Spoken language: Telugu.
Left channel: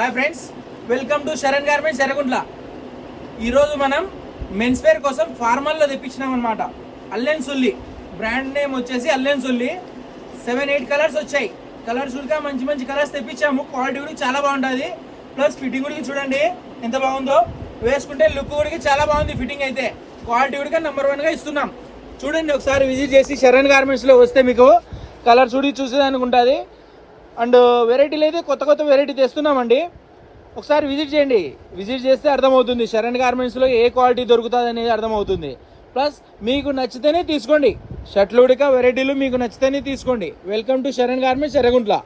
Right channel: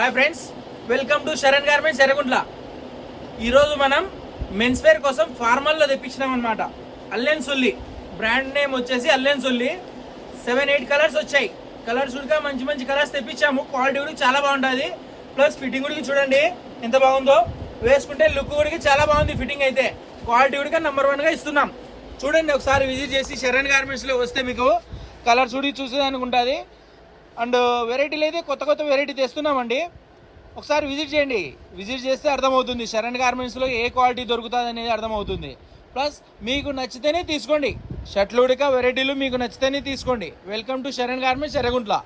Hi friends, welcome to Sharan garments Yerraguntla. ఈరోజు మనం మెన్స్ వేర్ కోసం ఫార్మల్లో తెప్పించినాం అనమాట. అల్లెన్ సుల్లి బ్రాండ్ నేమ్ వచ్చేసి అల్లెన్ సుల్లి. 7-8 కలర్స్ వచ్చాయి. కలర్స్ కూడా మంచి మంచి కలర్స్ తెప్పించాము. క్వాలిటీ కూడా చాలా బాగుంటుంది. ప్లస్ ఫిట్టింగ్ కూడా చూడండి ఎంత బాగుందో. వేసుకుంటే లుక్ కూడా చాలా బాగుంది. ఫిట్టింగ్ అయితే క్వాలిటీ కూడా నెంబర్ 1గా ఇస్తున్నాం. చూడండి, ఒకసారి విజిట్ చేసి శరణ్ గార్మెంట్స్లో వస్తే మీకు కలర్స్ కూడా చూసేదానికి ఉంటుంది. అండ్ వెరైటీలు అయితే కొత్త కొత్త వెరైటీ తెస్తున్నామండి. ఒకసారి విజిట్ చేయండి. విజిట్ చేస్తే అర్థమవుతుంది శరణ్ గార్మెంట్స్లో ఏ క్వాలిటీ దొరుకుతుంది అనేది అర్థమవుతుంది. ప్లస్ మీకు నచ్చితేనే తీసుకోండి. షర్ట్లు ఉడక వెరైటీలు మీకు నచ్చితేనే తీసుకోండి. Welcome to Sharan garments Yerraguntla.